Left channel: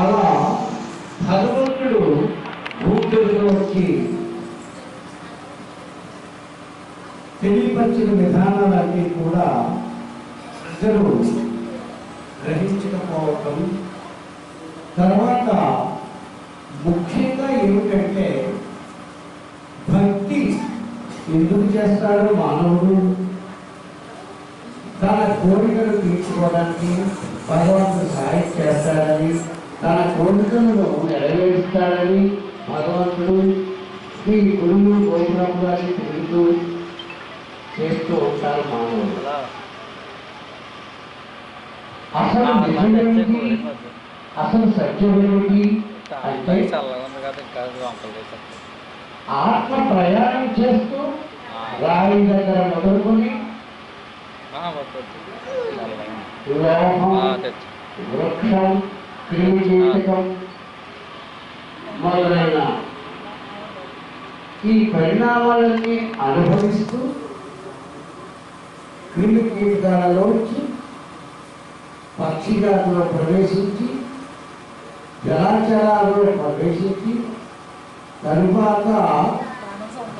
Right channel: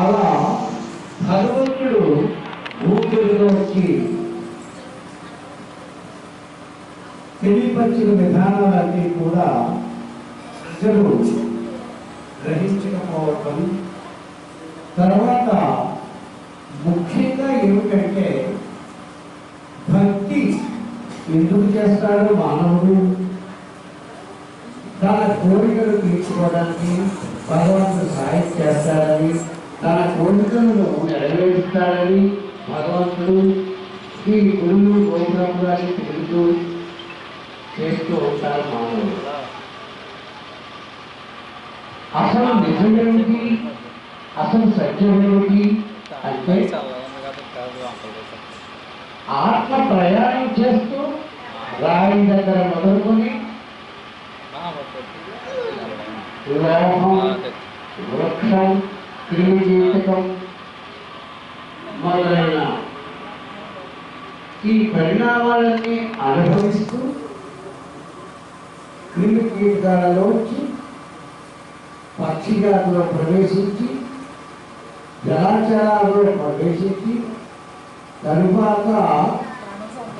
అలా భగవంతుడు భూమిలో వచ్చి తెలియపరిచిన విధానాలన్నీ కూడా ప్రజలు గ్రహించకపోవటం, తర్వాత ముఖ్యంగా ఏమిటంటే భక్తి ఎందుకు చేస్తాడు మానవుడు? తన కోరికలు తీర్చుకోవడానికి భగవంతుడు సహాయం చేస్తాడని, తన కోరికలను నెరవేరుస్తాడని భగవంతుడు ఈ గురువు గోపురం గారిని తిరుగుతూ చేస్తూ ఉంటారు మానవుడు. అసలు నిజమేమిటి, అసలు సత్యమేమిటి అంటే ఆత్మ ప్రయాణం చేస్తూ రాయి దగ్గర మొదలుకొని లోహం, వృక్షం, క్రిమికీటకం మొదలైన ఈ పరిణామాలన్నీ అనుభవిస్తూ క్రిమికీటకాలలోంచి పక్షి జాతిలో ప్రవేశించి జలాచరాల్లో ప్రవేశించి తరువాత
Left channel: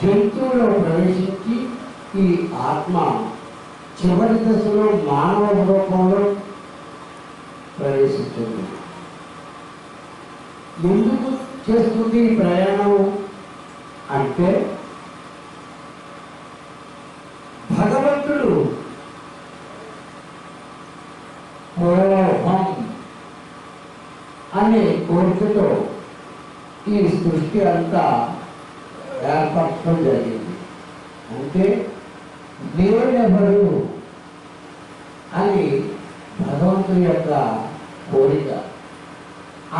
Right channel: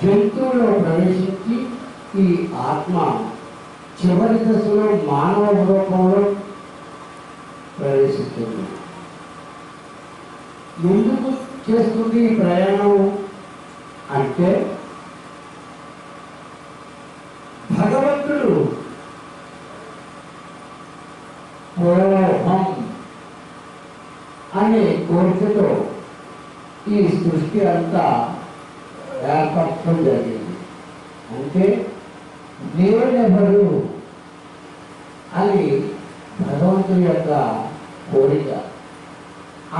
జంతువులో ప్రవేశించి ఈ ఆత్మ చివరి దశలో మానవ రూపంలో ప్రవేశిస్తుంది. ఎందుకు చేస్తుంది ఈ ప్రయాణం అంటే, భగవంతుడు మోహం అనే కోరికతో ఈ సృష్టి అంతా ఏర్పరచడం జరిగింది. అంటే నేనెవరు అని భగవంతుని యొక్క కోరిక.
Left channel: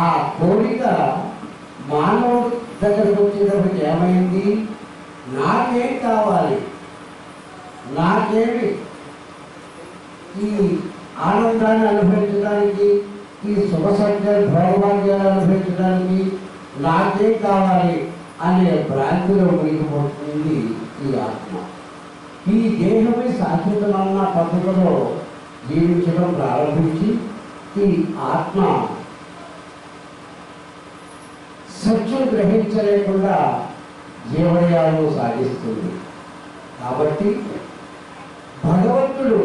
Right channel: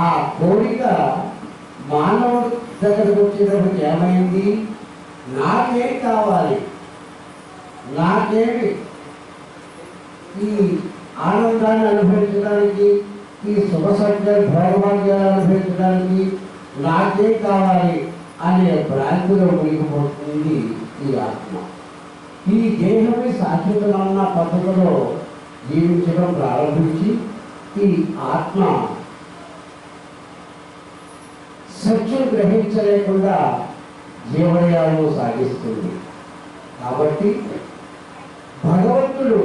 ఆ కోరిక మానవుడి దగ్గరకు వచ్చేటప్పటికి ఏమైంది? నాకేం కావాలి, నాకేమి ఈ ఆనందాన్ని అనుభవించడానికి, ఈ శుభ సంఖ్యలు భోగభాగ్యాలు అనుభవించడానికి నాకేం కావాలి అనే భ్రాంతిలో మునిగిపోతుంది ఈ ఆత్మ. ఈ దేహమే శాశ్వతమన్న పద్ధతిలో జీవించడం ప్రారంభించి ఈ ఆత్మ సత్యం గ్రహించలేకుండా జీవనయాలను సాగిస్తుంది. కాబట్టి భగవంతుడు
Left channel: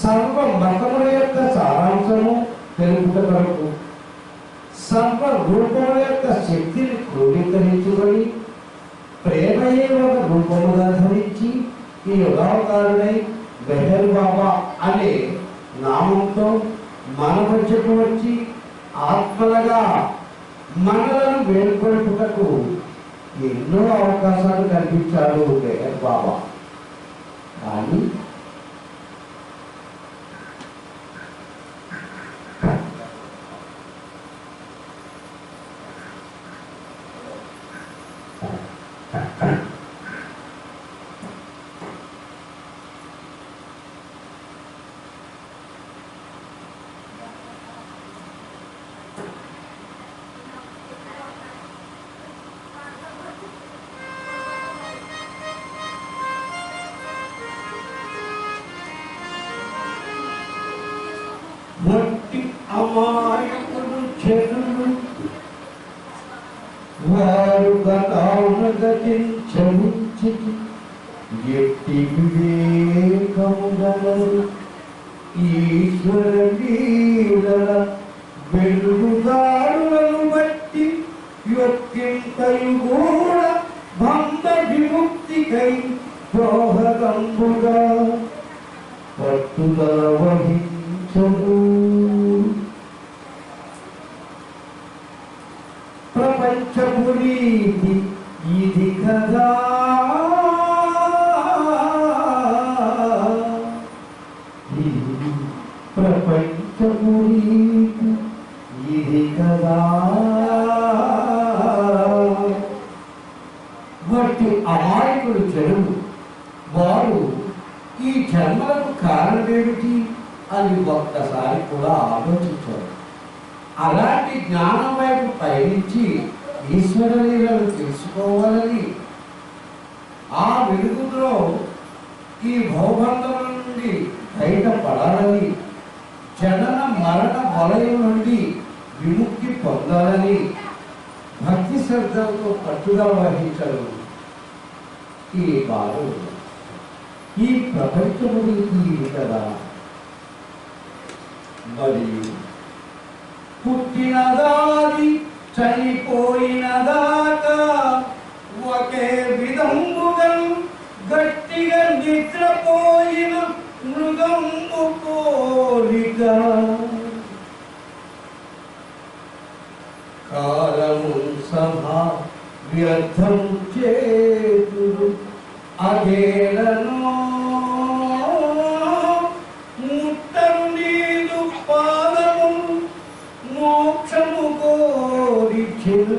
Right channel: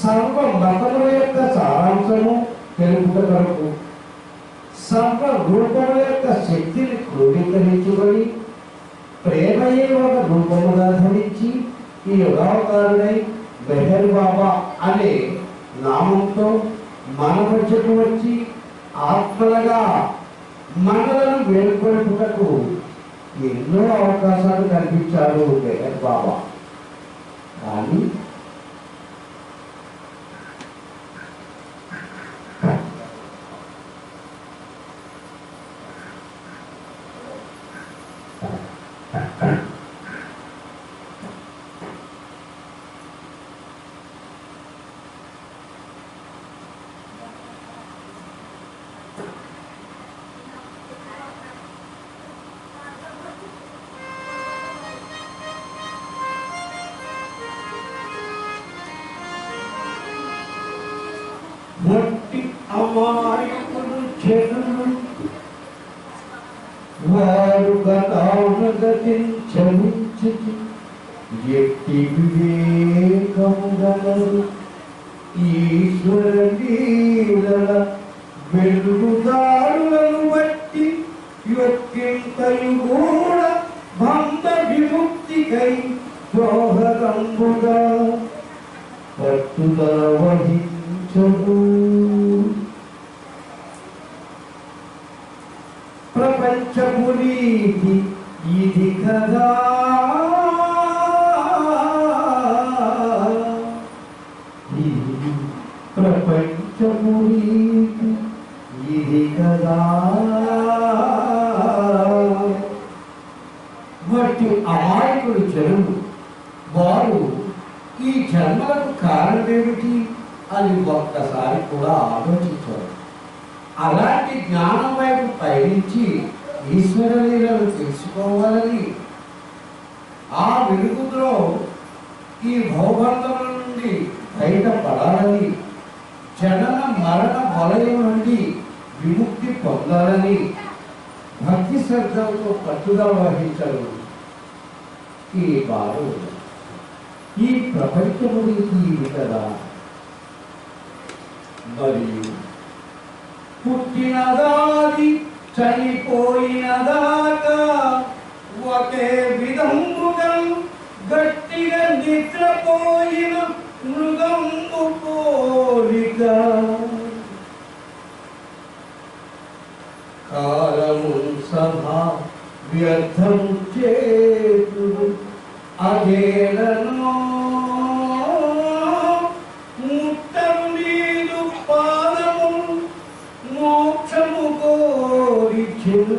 సర్వ మతముల యొక్క సారాంశము తెలుపుట కొరకు సర్వ రూపముల యొక్క శక్తిని క్రోడీకరించుకొని ప్రేమయే ఒక రూపముగా ధరించి ఈ యుగావతారుడై మెహర్ బాబా అనే నామంతో మన మధ్యకు వచ్చి ఆత్మలుగా మనలను వేడుకొలుపుటకు ఎన్నో అవకాశాలు కల్పించాడు మెహర్ బాబా. కానీ మట్టి అమాయకులు చెరులు వారు గతానుగతించమించి ఎట్టి వివేకముగలరు ఈశ్వర లీలల వెలుగుదారులను బట్టి యొక్కింతయు కూడా బంధ విముక్తికై దోహదంబుగా పట్టుదల వహించదు. ప్రపంచపు రీతి ఇది కదా, ప్రపంచపు రీతి ఇది కదా. వాటి అమాయకుడు చెరువు వారు ఈ జన్మలకు కారణమేమిటి అని ఒక్కసారి కూడా ఆలోచించారు. అలాంటి జ్ఞానం వైపు పయనించి ఈశ్వర లీలను తెలుసుకోవాలని, ఆ వెలుగులో ఈ భౌబంధముల నుండి బయటపడాలని, జనన మరణ వలయం నుండి విముక్తి పొందాలని భక్తి శ్రద్ధలతో పట్టుదల వహించరు ఈ వారు. ఈ ప్రపంచము ఇది కదా, మరియు పుట్టినదాది చనిపోయినదాకా ఒకే విధముగా గట్టిగా నిద్రపోయిన మృగంబు పోలిక. కాలము సభా వ్యర్థం చేతురు అదేలను ముట్టరు నీదు పాదము మోక్షము కోరి చెరు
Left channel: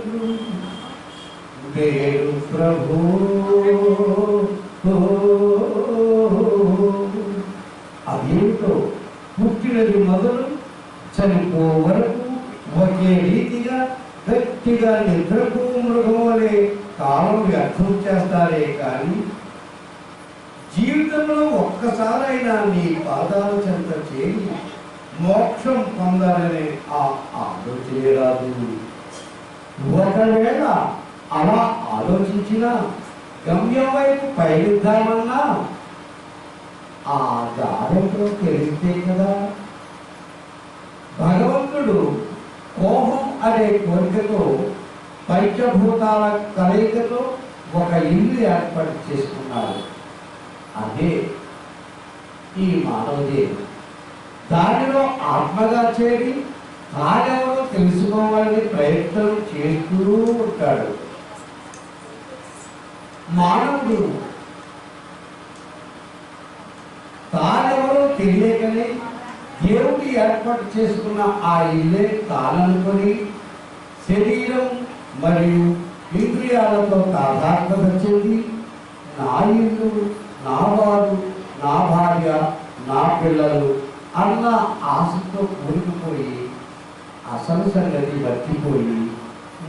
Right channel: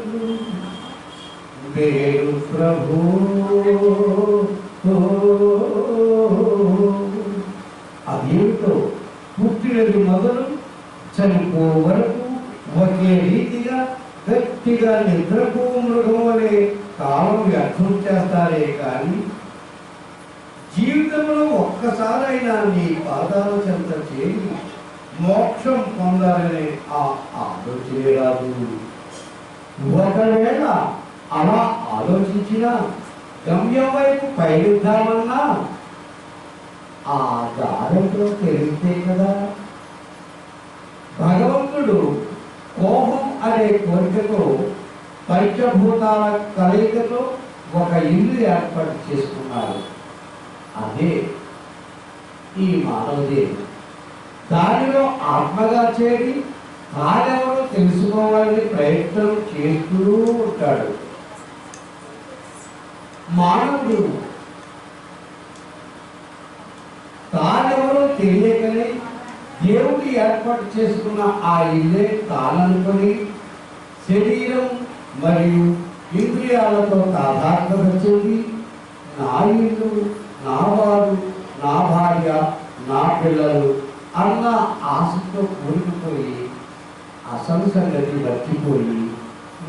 వేరు ప్రభు. అదేమిటో పుట్టినది మొదలు చనిపో వరకు ఒకే రీతిగా గట్టిగా నిద్రపో మృగం వలె కాలం వ్యర్థం చేస్తారే కానీ జీవితంలో ఒక్కసారైనా నీ పాదాల చెంత చేరి మోక్షం పొందాలనే ఆ ఆలోచనే రాదు. ఒకవేళ అలా ఆలోచించినా గమ్యం వైపు పయనిద్దామన్నా ఆ దారిలో తెలిస్తే కదా. భగవంతుడు కోపం అనే కోరికతో పంచభూతాల కలయికతో ఒక ఇల్లు ఏర్పాటు చేసుకున్నారు. అదే ఈ మానవదేవుడు. దానిలో ఆత్మగా చేరి తానెవరో తెలుసుకోవాలని ప్రయత్నం చేస్తూ ఉంటాడు. మానవుడు తానెవరో తెలియకనే దేవుడి ఏర్పాటు చేసుకున్న ఆ ఇల్లే తాననుకొని శరీరం మరియు ఇంద్రియాలతో తాదాత్మ్యత చెంది నా ఇల్లు, నా వారు, నా భార్య, నా పిల్లలు అన్న ఆశతో కూలిపోయి అసలు సంగతి మర్చిపోయి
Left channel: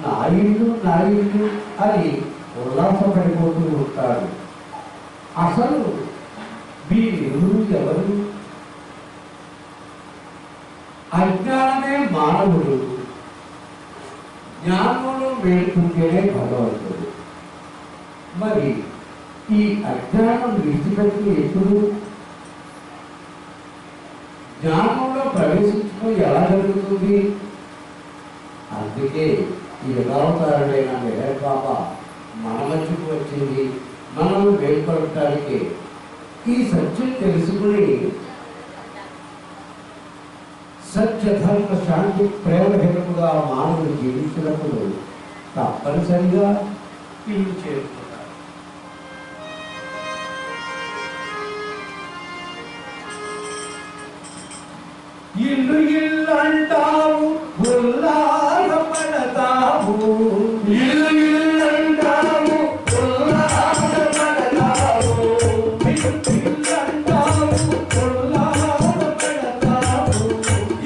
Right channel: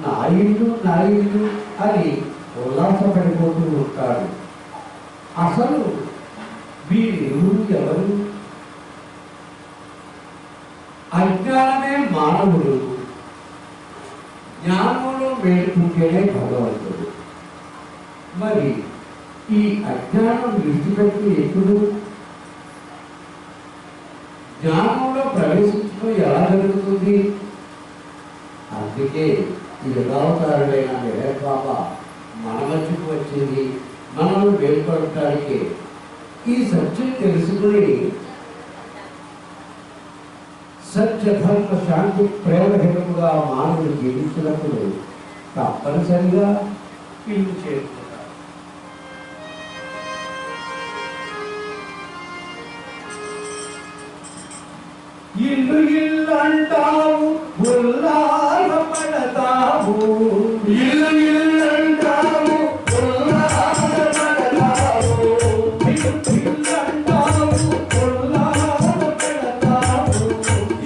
నా ఇల్లు అని ఉల్లాసపడిపోతూ ఉంటాడు. అసలు వీరెవరు ఎవరు? అజ్ఞానమే మానవుడు, జ్ఞానంలో వేడుకుంటేనే భగవంతుడు. మరి ఈ అజ్ఞానం విడిచిపెట్టి ఎప్పుడు జ్ఞానంలో ప్రవేశించడం ఎలా జరుగుతుంది? అందుకే ఈ యుగావతారుడైన మెహర్ బాబా మన మధ్యకు వచ్చింది మనల్ని వేడుకోవటానికి. ఈ సత్యం తెలుసుకుని సత్య ధర్మ శాంతి ప్రేమహితముగా మానవుడు జీవించినప్పుడు తప్పనిసరిగా ఇల్లు చేరుకుంటారు. ఇల్లు ఇల్లంటావు, ఉల్లాసపడతావు. ఇల్లు ఇల్లంటావు, ఉల్లాసపడతావు. ఇల్లంటావు, ఉల్లాసపడతావు.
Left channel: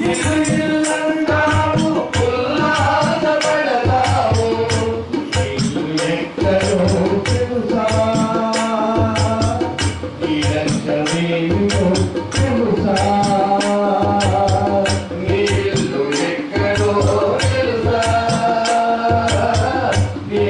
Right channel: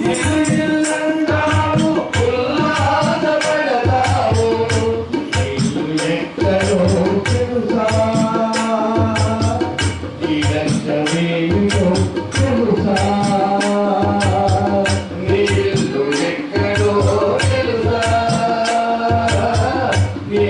ఇల్లు ఇల్లంటావు, ఉల్లాసపడతావు. ఇల్లు ఎక్కడో తెలుసా? ఈ లక్ష్యమేమిటో తెలుసా? ఇల్లు ఎక్కడో తెలుసా? ఈ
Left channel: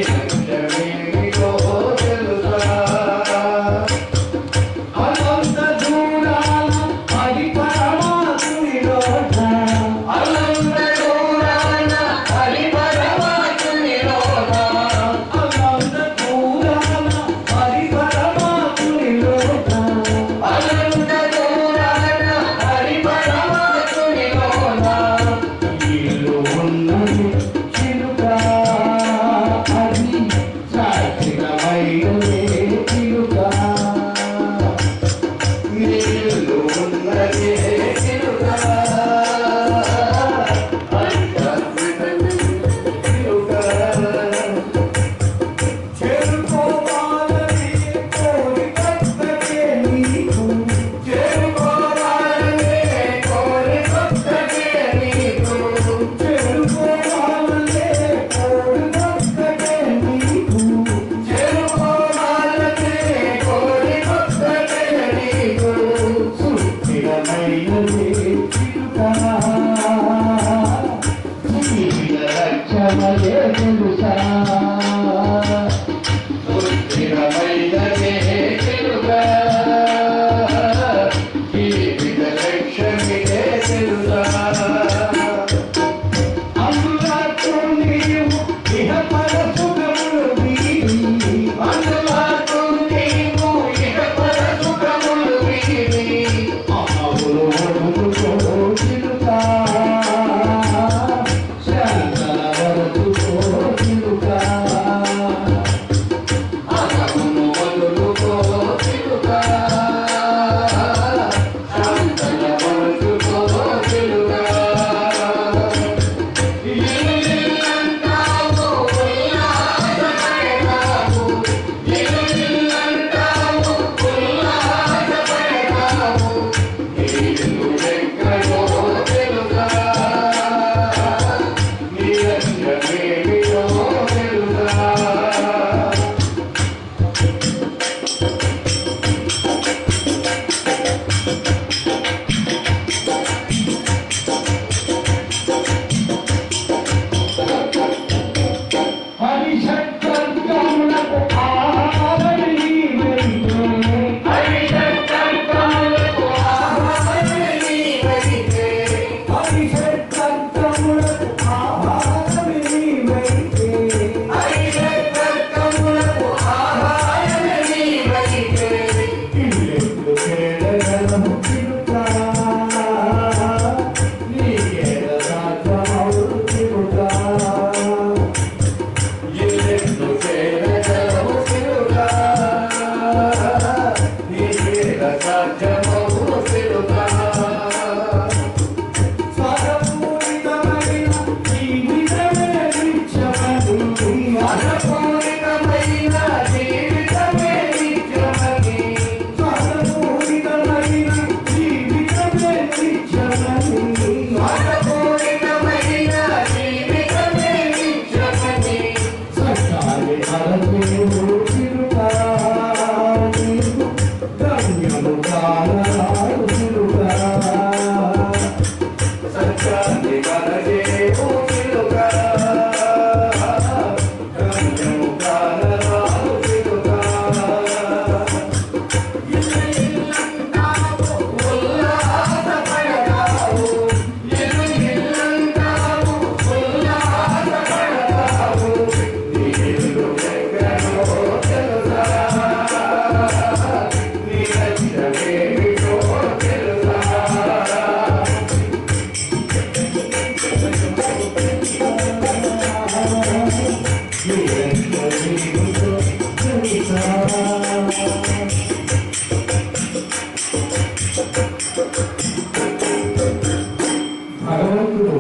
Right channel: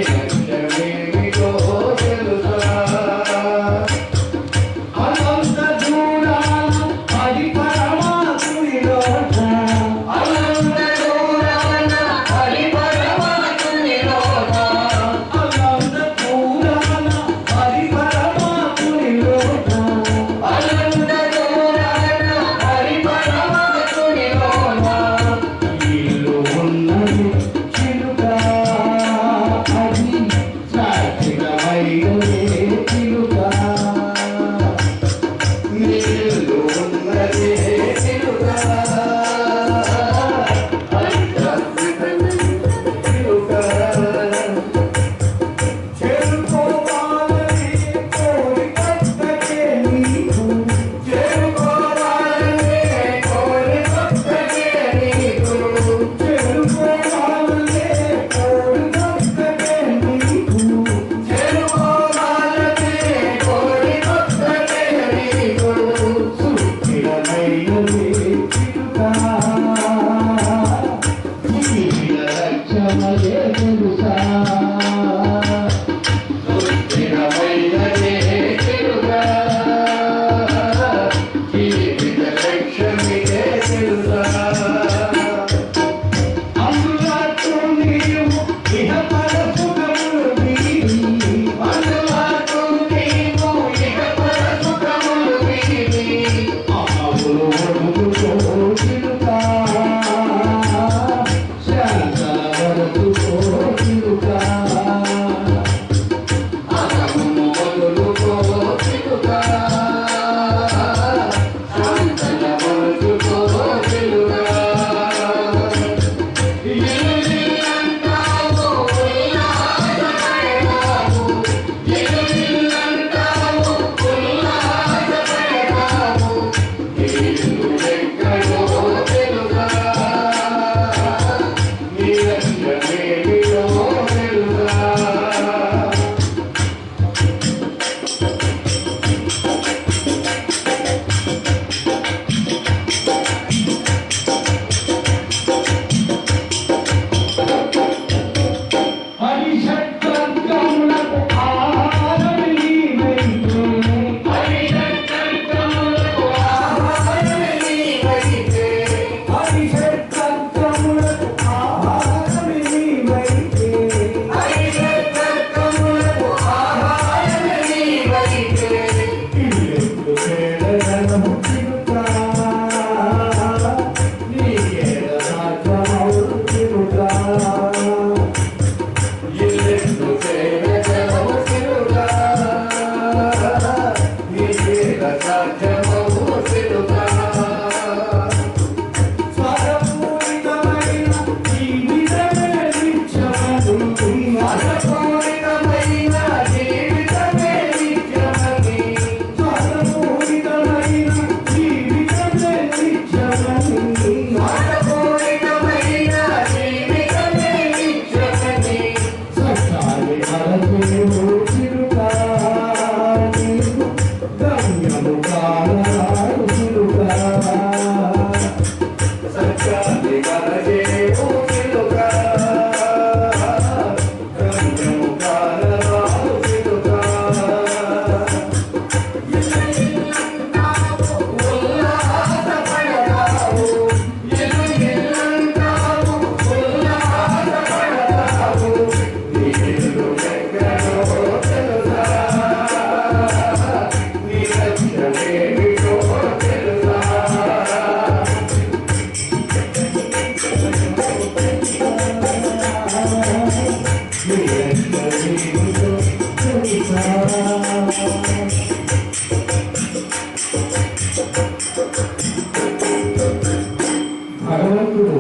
భగవంతుడు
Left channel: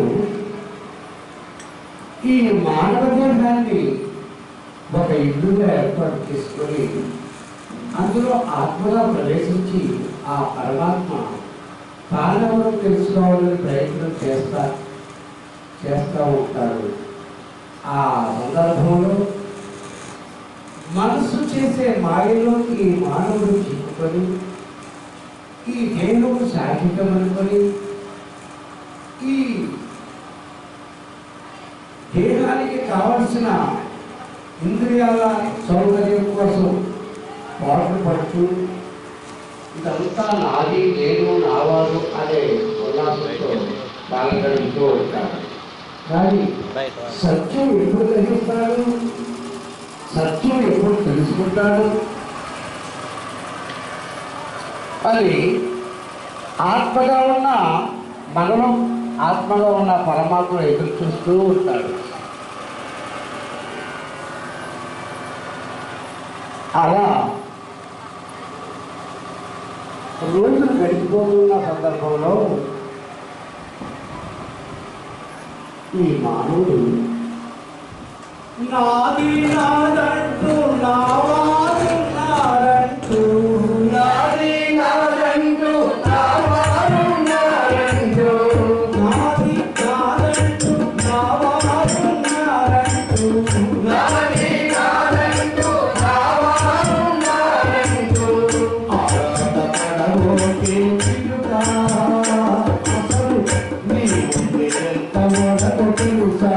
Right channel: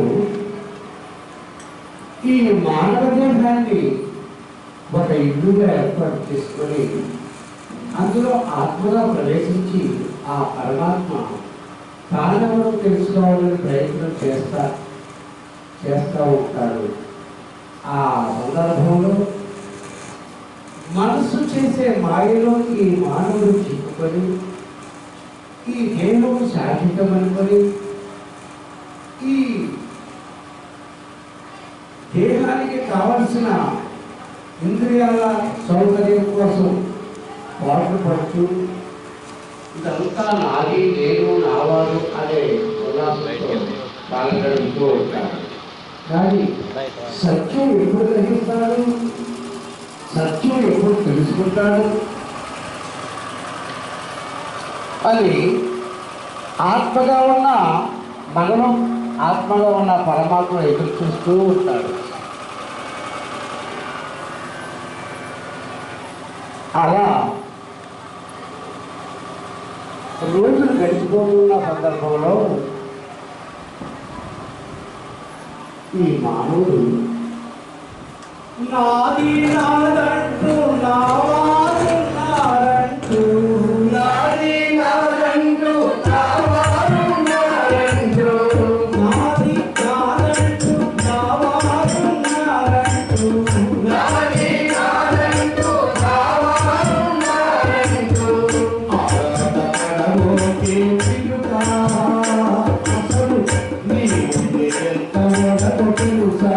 ఈ మానవ దేహాన్ని ఒక ఇల్లుగా ఏర్పాటు చేసుకొని అందులో ఆత్మగా ప్రవేశించి ఆ పరమాత్మ తానెవరో తెలుసుకోవాలని ప్రయత్నం చేస్తూ ఉంటాడు. ఆ సందర్భంలో మనసు చేసే మాయలో ఈ మానవుడు చిక్కుకొని ఈ దేహం శాశ్వతం అనుకొని ఈ దేహానికి కావలసిన ఇంద్రియాల సౌకర్యం కోసం పాటలు పడుతూ ఇదంతా నాది నేను నావారు అనే ఉల్లాసంతో కాలం గడుపుతూ ఉంటాడు. కానీ సత్యం ఎప్పుడు గ్రహిస్తాడు, సత్యం ఎప్పుడు తెలుసుకుంటాడు అని ఆత్మగా ఉన్న మనలో ఆత్మగా ఉన్న పరమాత్మ ఎదురు చూస్తూ ఉంటాడు. అలా రోజులు గడిచిపోతున్న సందర్భంలో ఈ మానవుడు నాది నాదంటూ నావారు నారంటూ నాది నాదంటూ నావారు నారంటూ నాది నాదంటూ నావారు నారంటూ నాది నాదంటూ నావారు నారంటూ ఆనందపడబోకే చిలుకా అసలు నీ ముందు ఎంత మొదట తెలుసా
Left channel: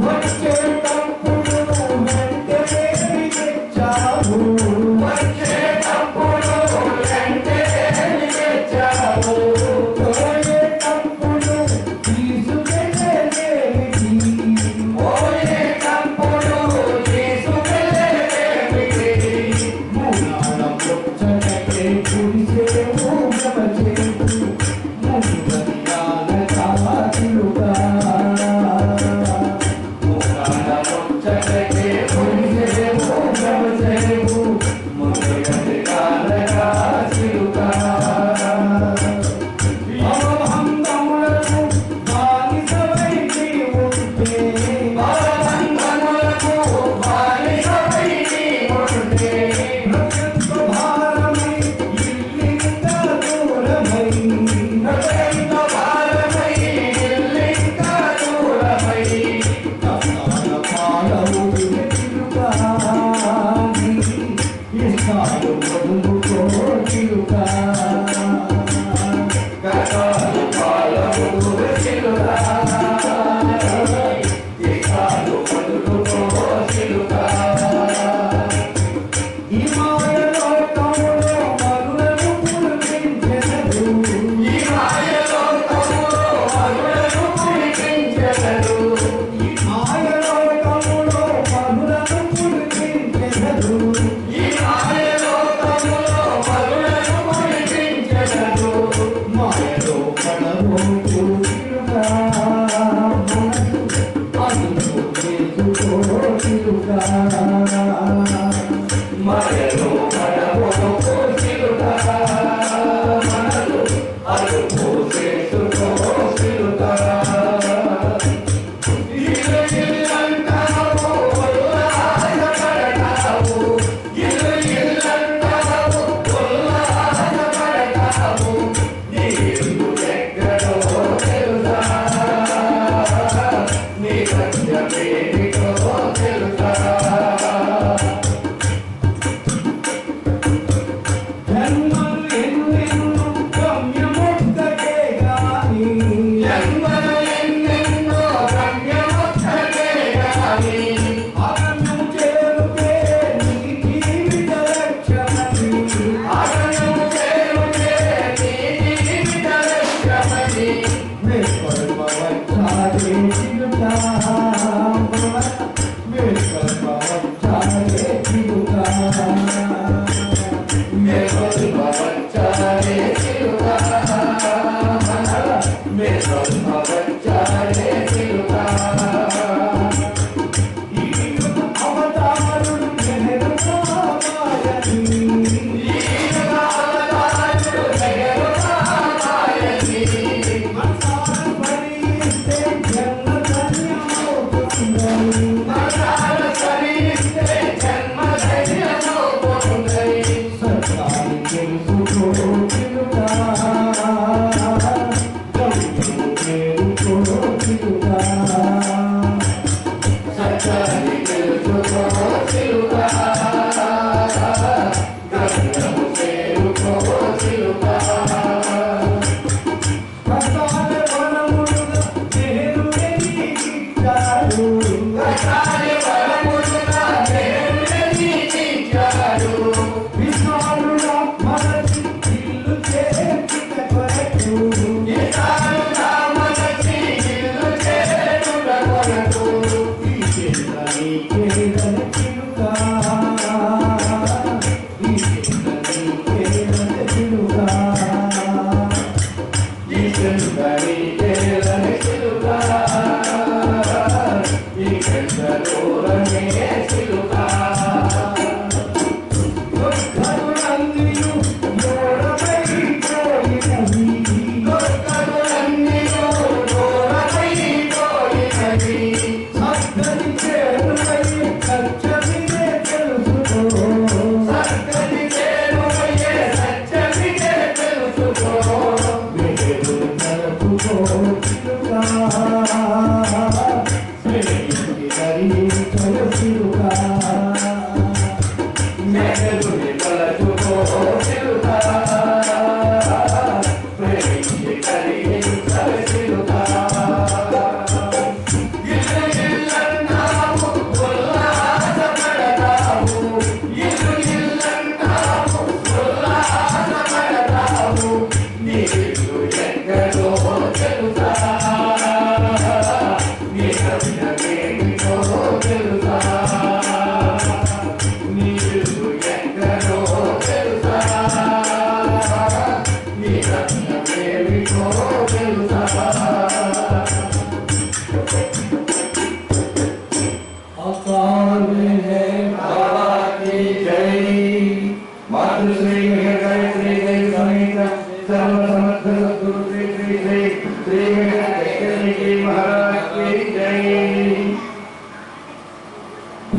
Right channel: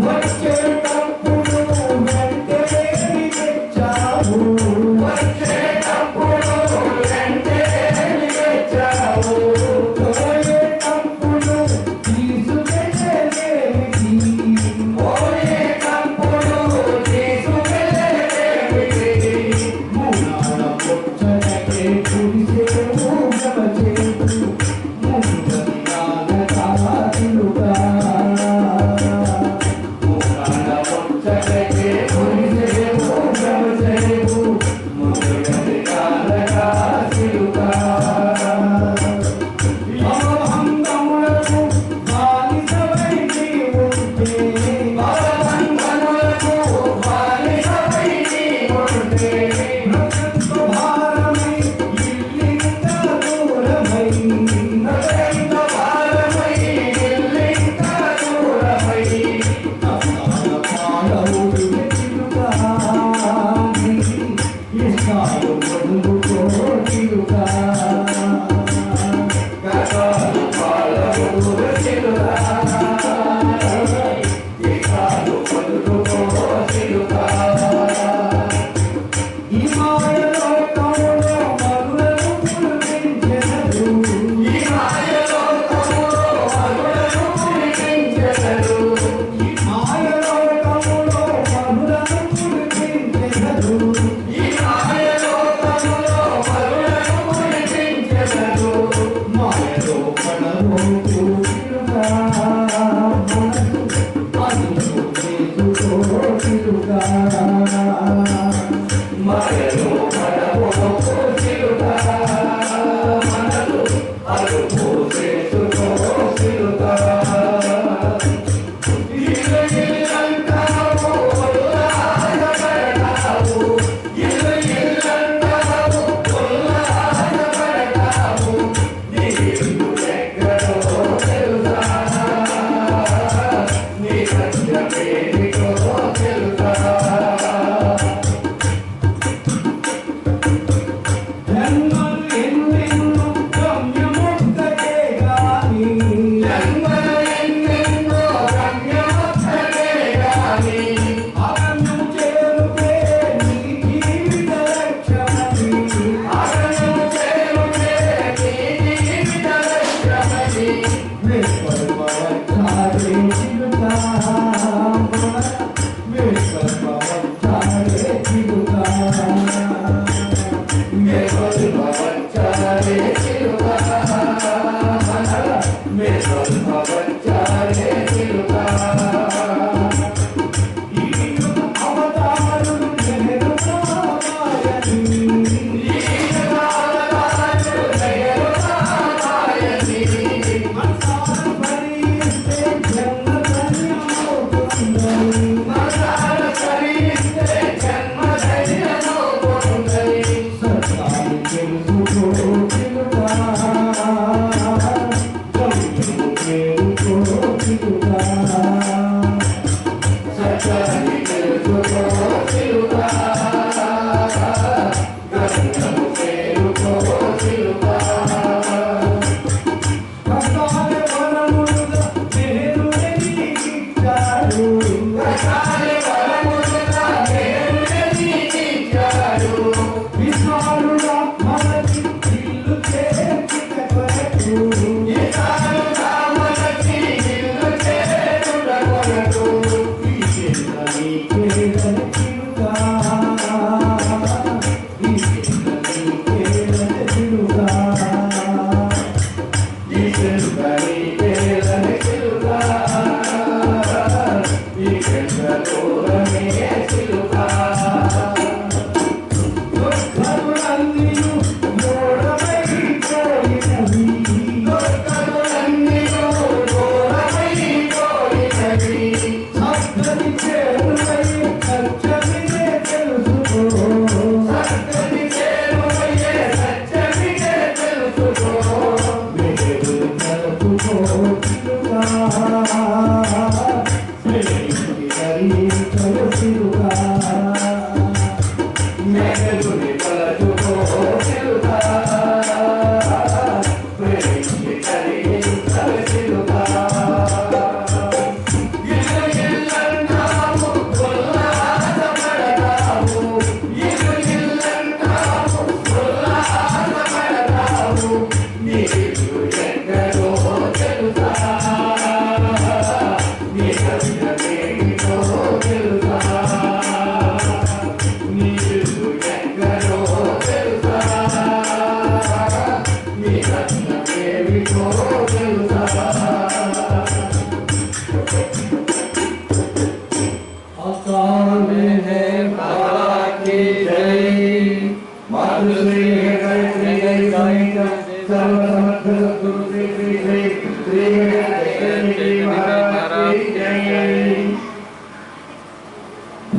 What's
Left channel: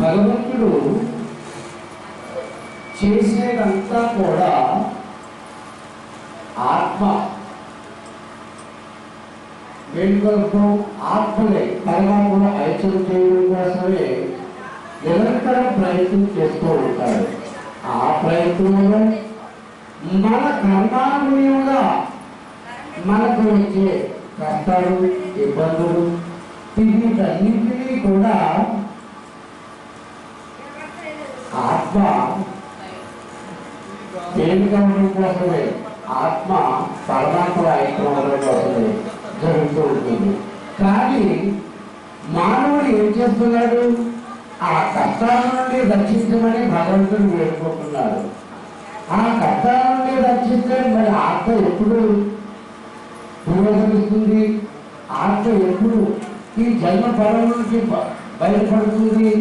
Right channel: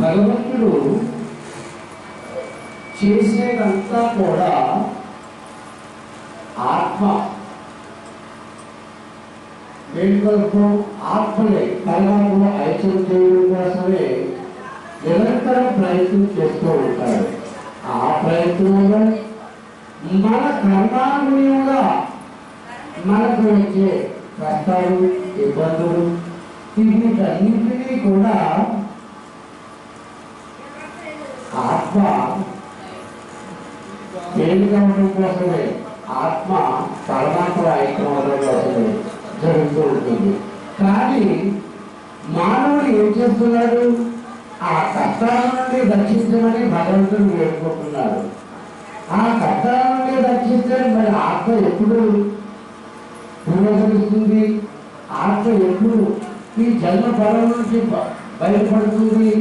భగవంతుడు చేసేదంతా కూడా ఆత్మ వేడుకలకు ఆత్మలే పరమాత్మను ఐక్యం చేయడం కోసమే నిరంతరం ప్రయత్నం చేస్తూ ఉంటాడు. ఆ ప్రయత్నంలో మన కర్మానుగుణంగా మనకు వచ్చే కష్టాలు ఇబ్బందులు వీటన్నింటినీ కూడా ఆత్మ తేలిగా ఉండడం కోసమే ఆత్మ పరమాత్మ ఐక్యం ఉండడం కోసమే జరుగుతూ ఉంటుంది. కానీ మానవుడు ఏం చేస్తున్నాడు? ఆ కష్టాల నుండి రక్షించమని భగవంతుడు వేడుకుంటున్నాడు. ఆ కష్టాల నుండి రక్షిస్తే మరి ఆత్మ ఎప్పుడు పునరుద్ధరిస్తుంది? ఆత్మ ఎప్పుడు ఈ జన్మ ఫలం నుంచి బయటపడుతుంది?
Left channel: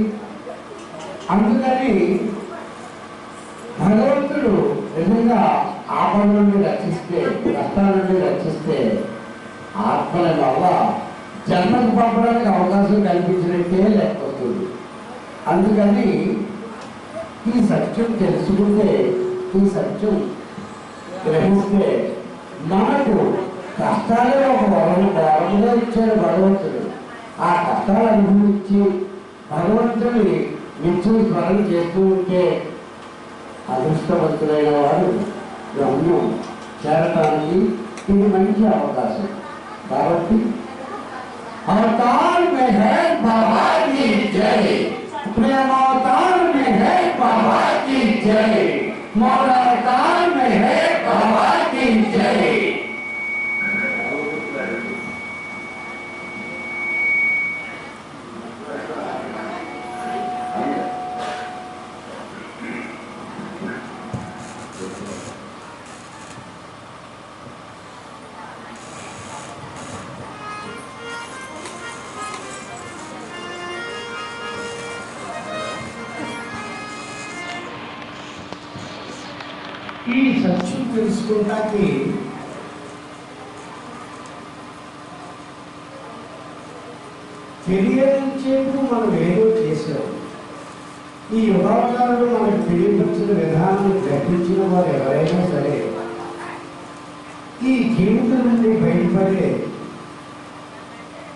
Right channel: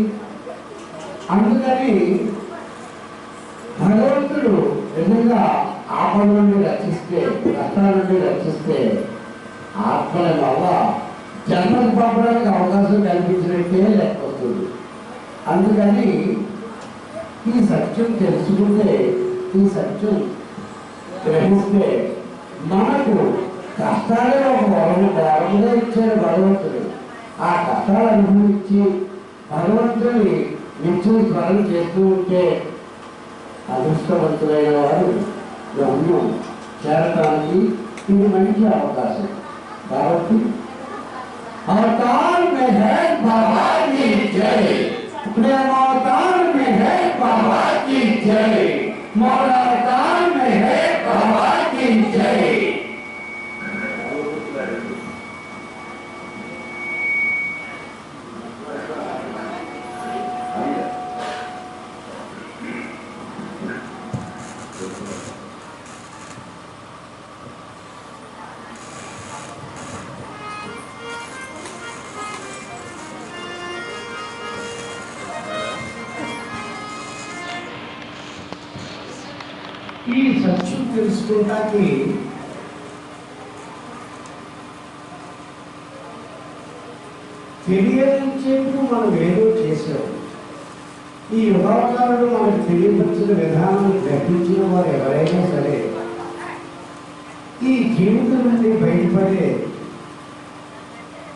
అందుకని భగవంతుడు నిజంగా ఆపద నుండి రక్షిస్తే, కష్టాల నుండి రక్షిస్తే ఆత్మల వల్ల జన్మకు పంపడానికి అవకాశం కల్పించినట్టే లెక్క వస్తుంది. అందుకని ఈ సత్యం తెలుసుకుంటే, ఈ సత్యం గ్రహిస్తే మనకు కష్టాలే ఒక వరముగా ఇచ్చాడు భగవంతుడు. ఆ కష్టాలు అనుభవించి భగవంతుని నిత్యం స్మరణ చేస్తూ ఉంటే అదృష్టవంతులైన వారు గమ్యం చేరటానికి ఇది మంచి అవకాశం. కాబట్టి అవతార్ మే హై బాబా की जय, प्रेम अवतार में है बाबा की जय, मौला अवतार में है बाबा की जय। ఈ సత్యం తెలుసుకోవడానికి తెలియనించేందుకు మనం ఏదో చేసాం. ఈ యుగావతారుడు మనకు తెలియపరిచిన విధానం గ్రహించిన వారు ఎవరైనా సరే ఈ జీవితం నుండి బయటపడే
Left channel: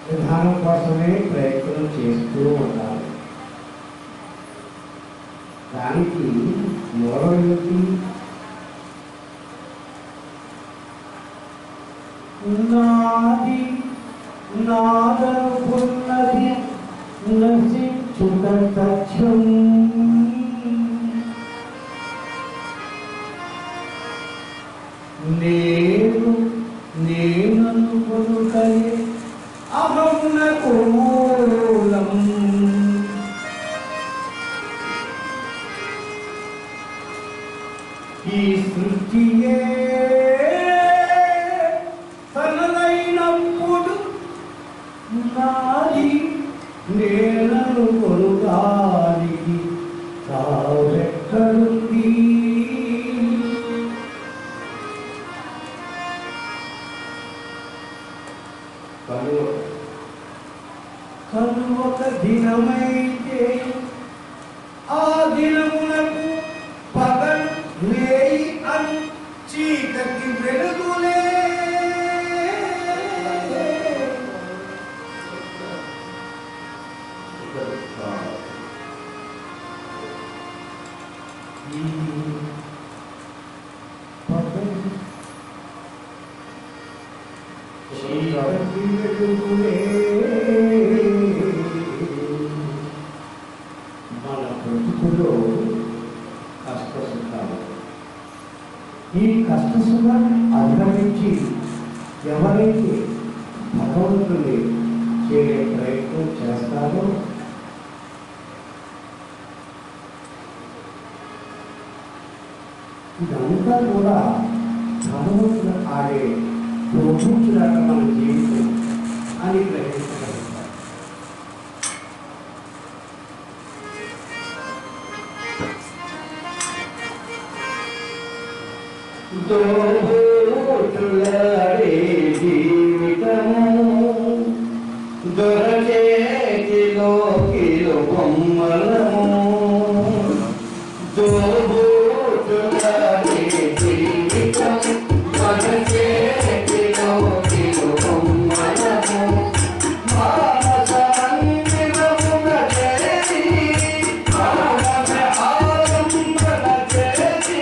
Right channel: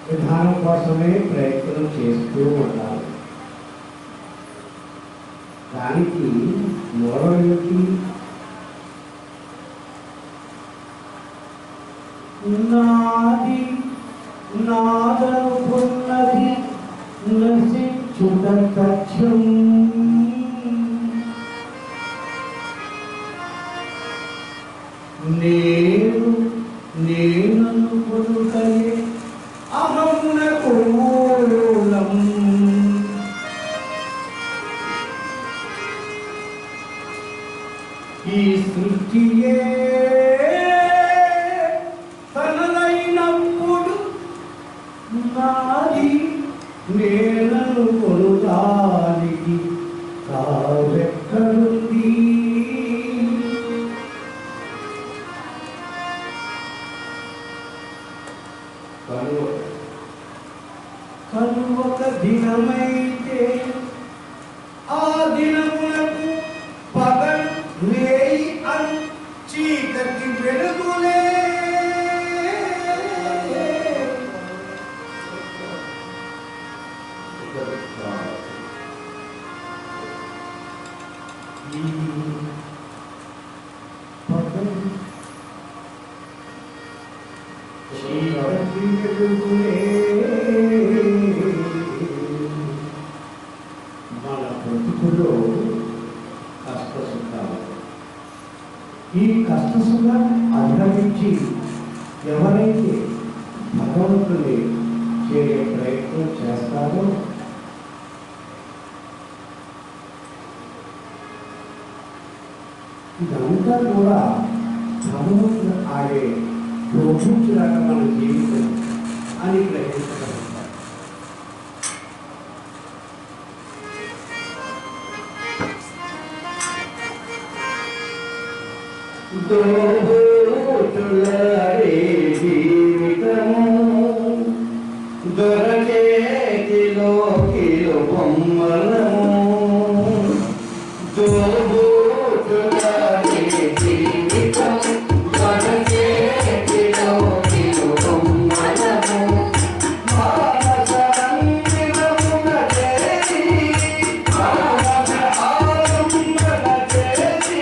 విధానం కోసమే ప్రయత్నం చేస్తూ ఉండాలి. దానికి మూలం ఏమిటి? నాది నాదనుకున్నది నశించి నేనను కొనుగానికి తావెక్కడుంది కనుక దినమైతే ఆ దినమునకు పగల్ వేయి అను చీకటి వెలుగులే మన బ్రతుకులో కష్ట సుఖాలు ఈ కష్ట సుఖాన్ని అధిగమించి ఎవరైతే భగవంతుని చేరే ప్రయత్నం చేస్తారో ఇదంతా కూడా భగవంతుడు ఆడే ప్రోక్షించినాక మన జీవితం అని గ్రహించగలుగుతారు. దోబూచులాడే జీవితము దొరచేతిలో కిలో బొమ్మలము దోబూచులాడే జీవితము దొరచేతిలో కిలో బొమ్మలము మానసరంగిరమున చేరి మానస ఆలంబన చేసి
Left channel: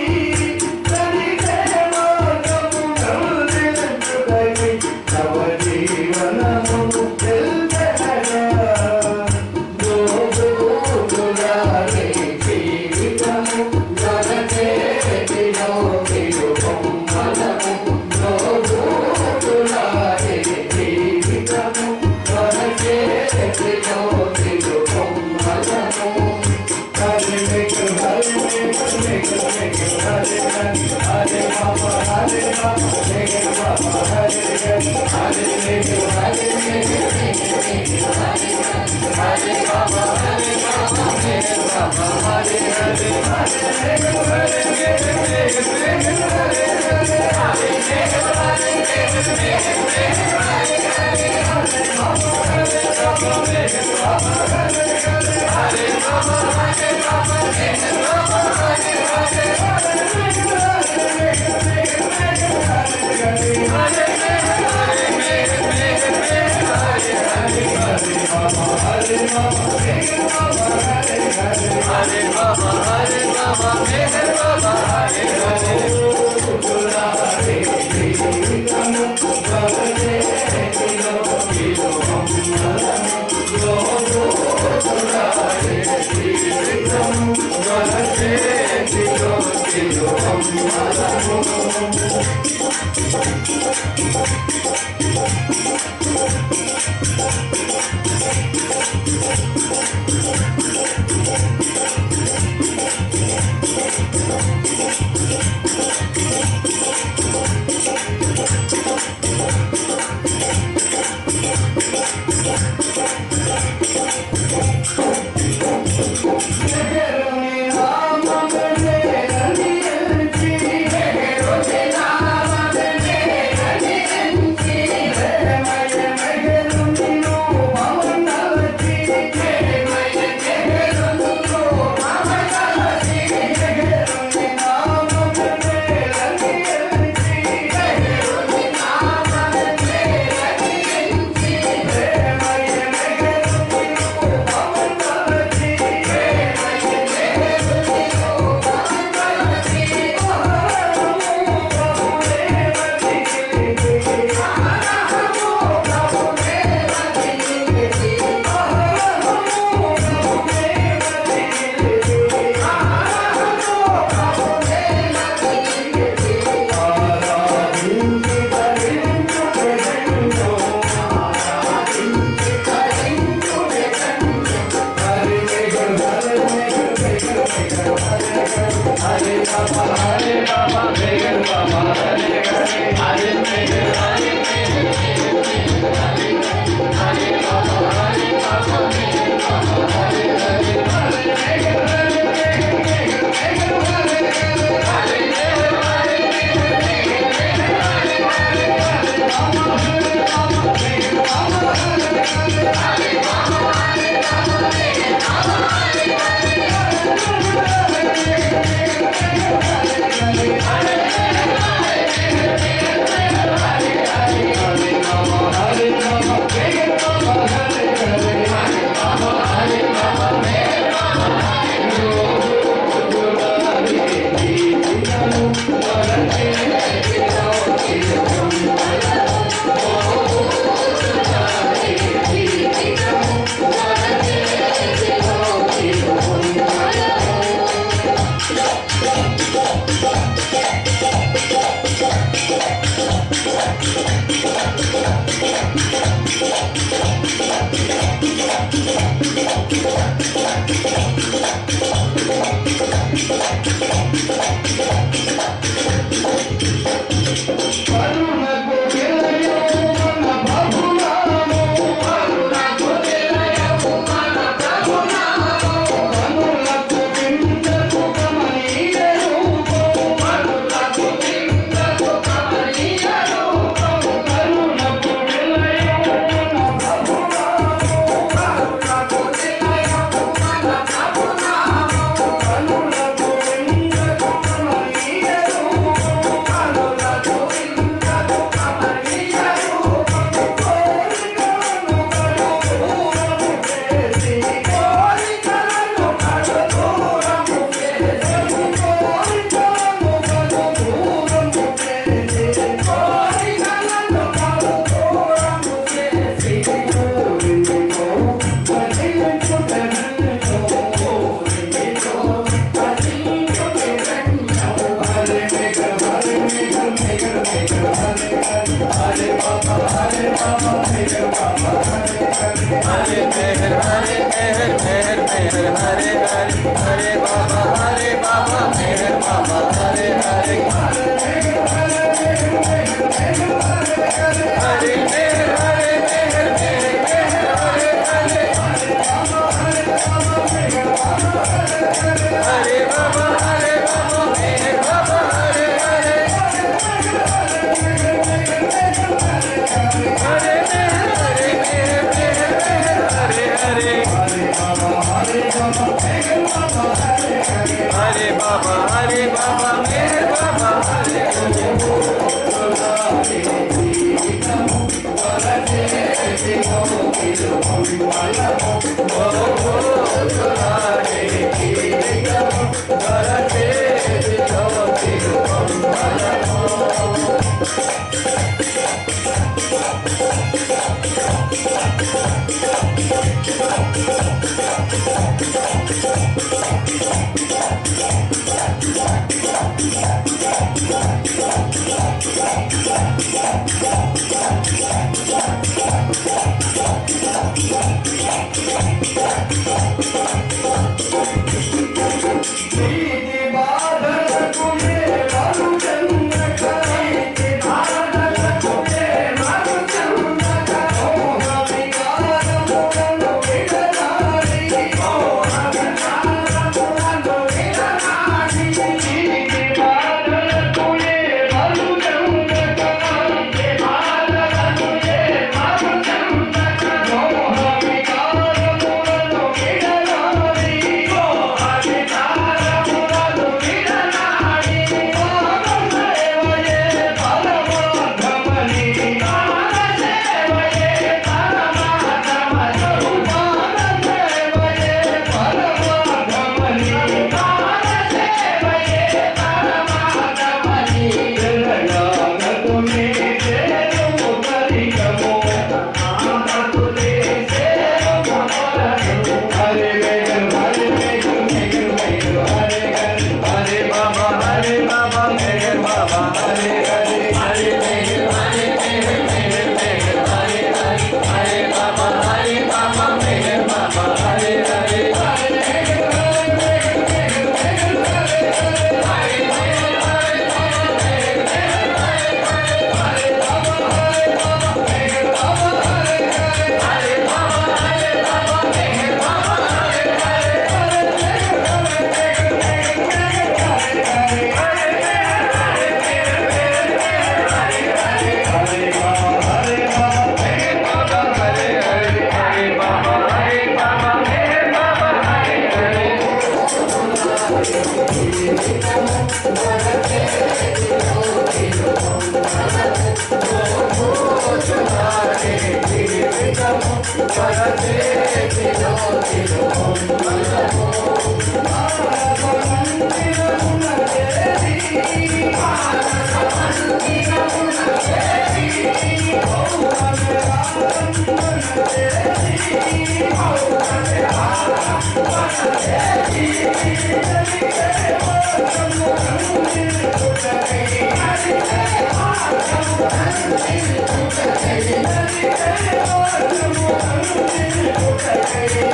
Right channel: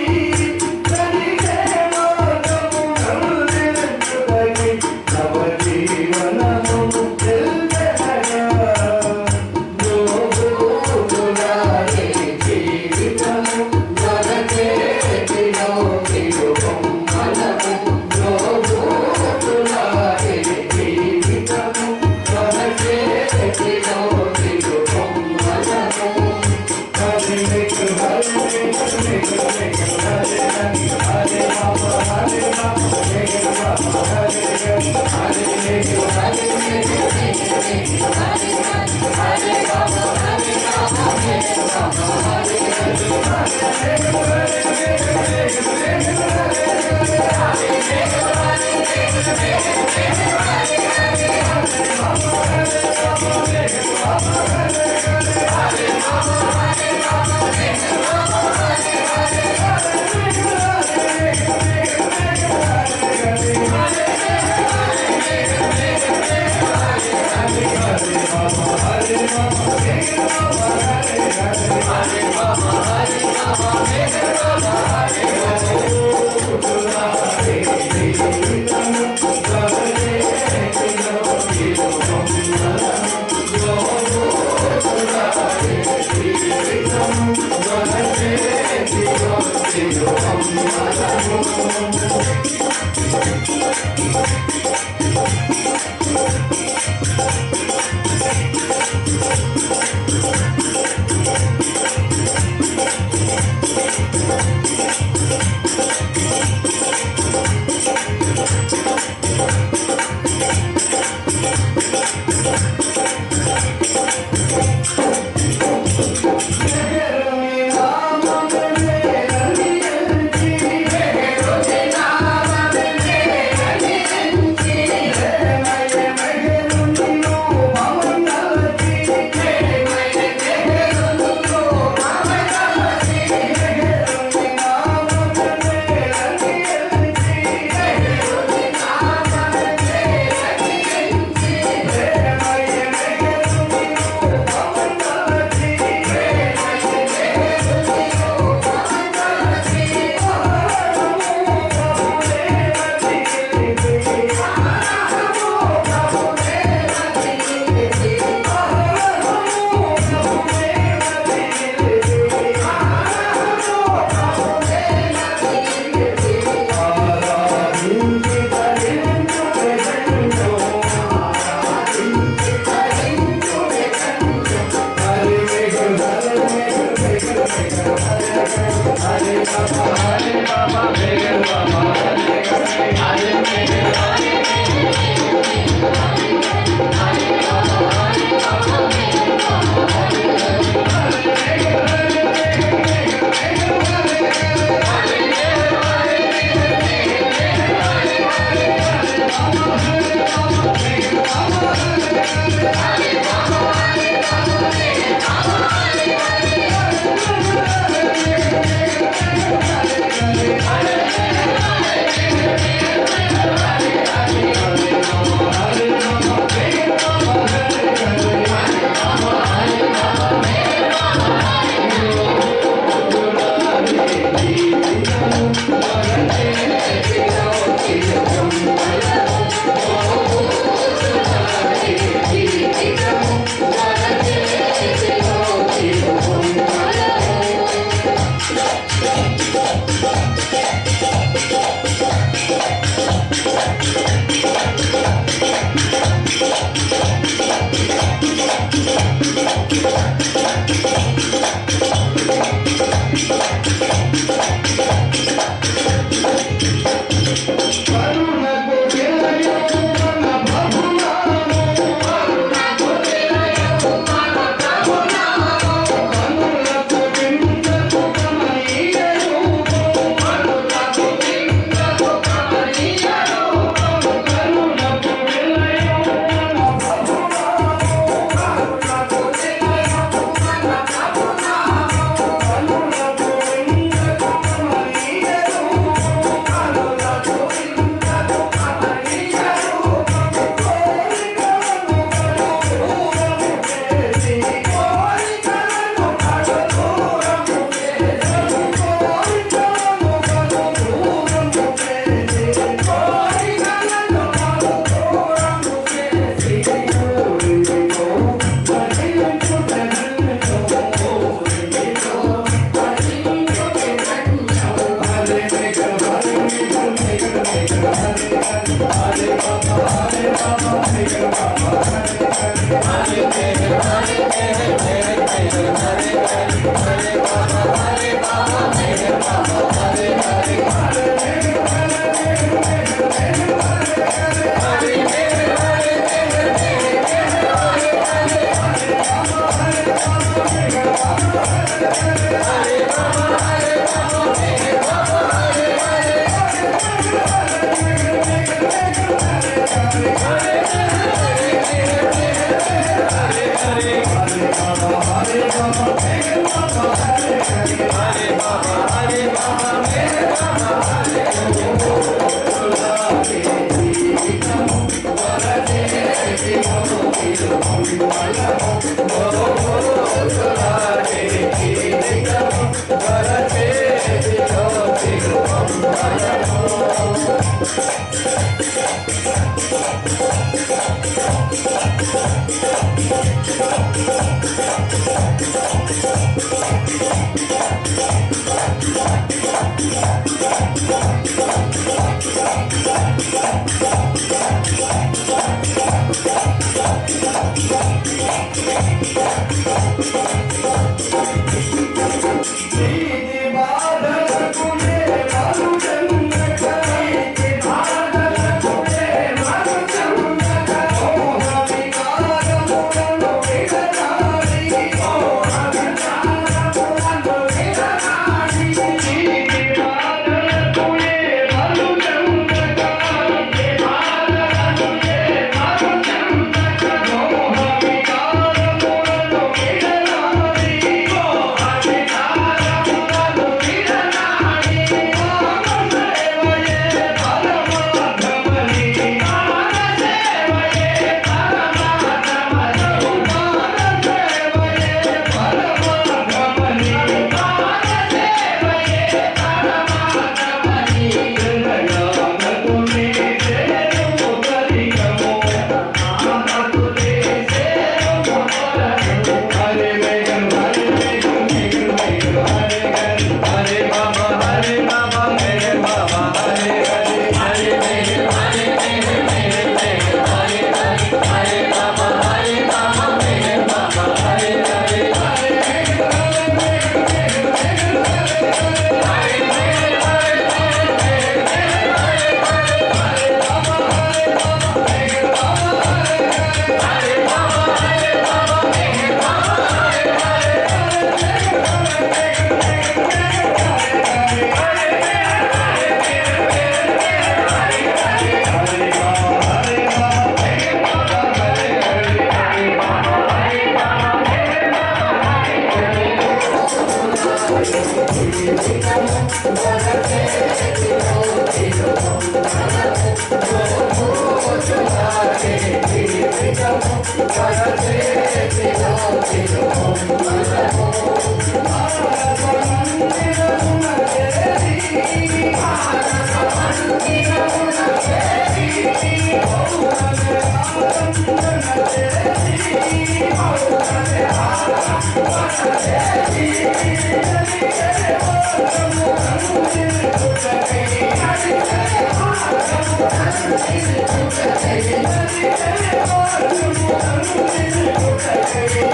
Thank you.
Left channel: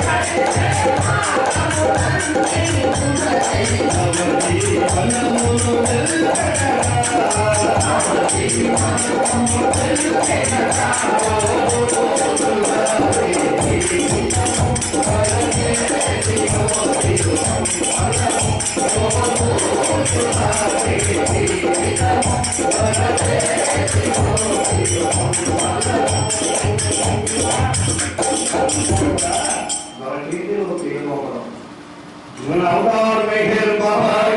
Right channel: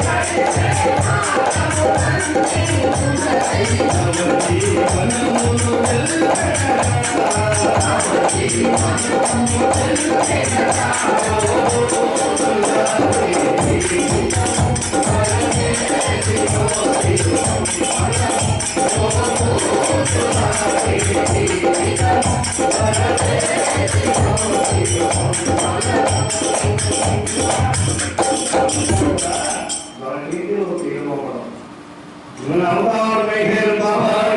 अवतार में